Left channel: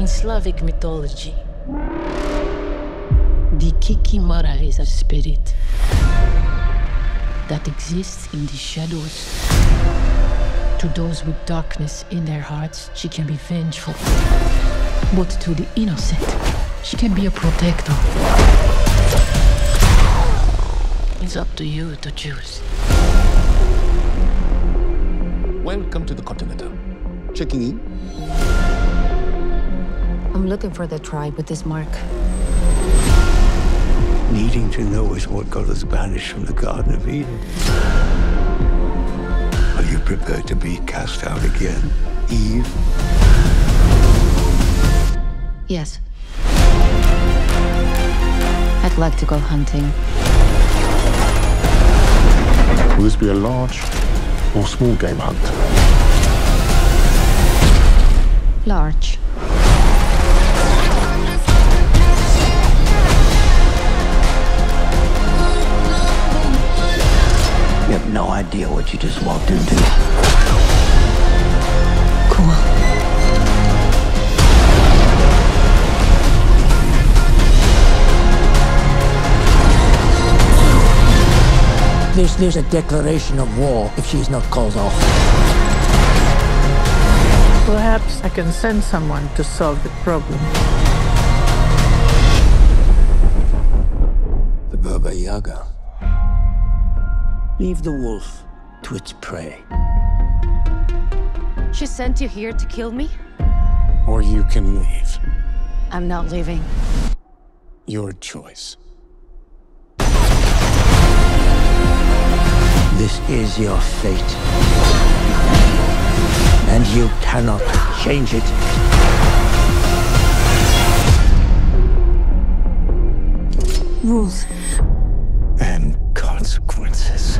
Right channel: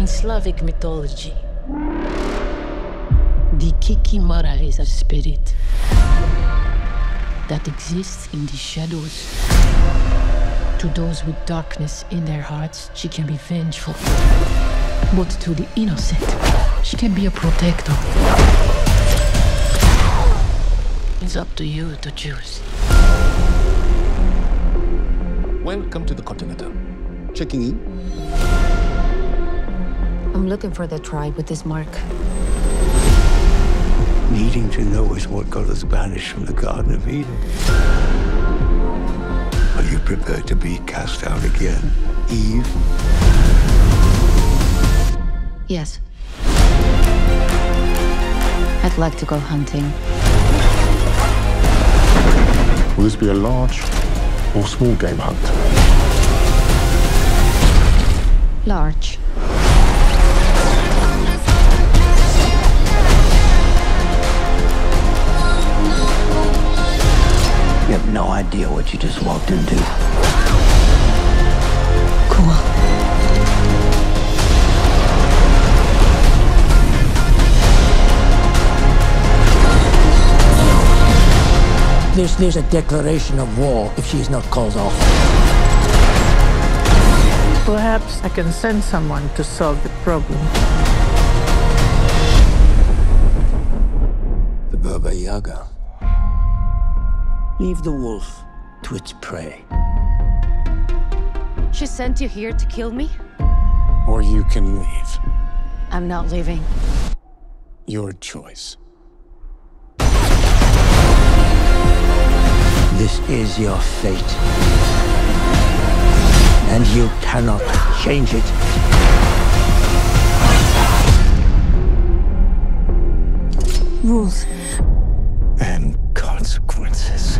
In Slavic mythology, the Kikimara is a spirit that exists in the shadows. To those with darkness in their hearts, she can be vengeful. But to the innocent, she can be a protector. It's up to you to choose. Welcome to the Continental. Checking in. I'm looking for the tribe with this mark. Needing to know is what got us banished from the Garden of Eden. Are you prepared to be cast out again, Eve? Yes. I'd like to go hunting. Will this be a large or small game hunt? Large. You have no idea what you just walked into. Cool. There's a declaration of war if she's not called off. Perhaps I can send someone to solve the problem. The Baba Yaga. Leave the wolf to its prey. She sent you here to kill me? Or you can leave. I'm not leaving. Your choice. This is your fate. And you cannot change it. Rules. And consequences.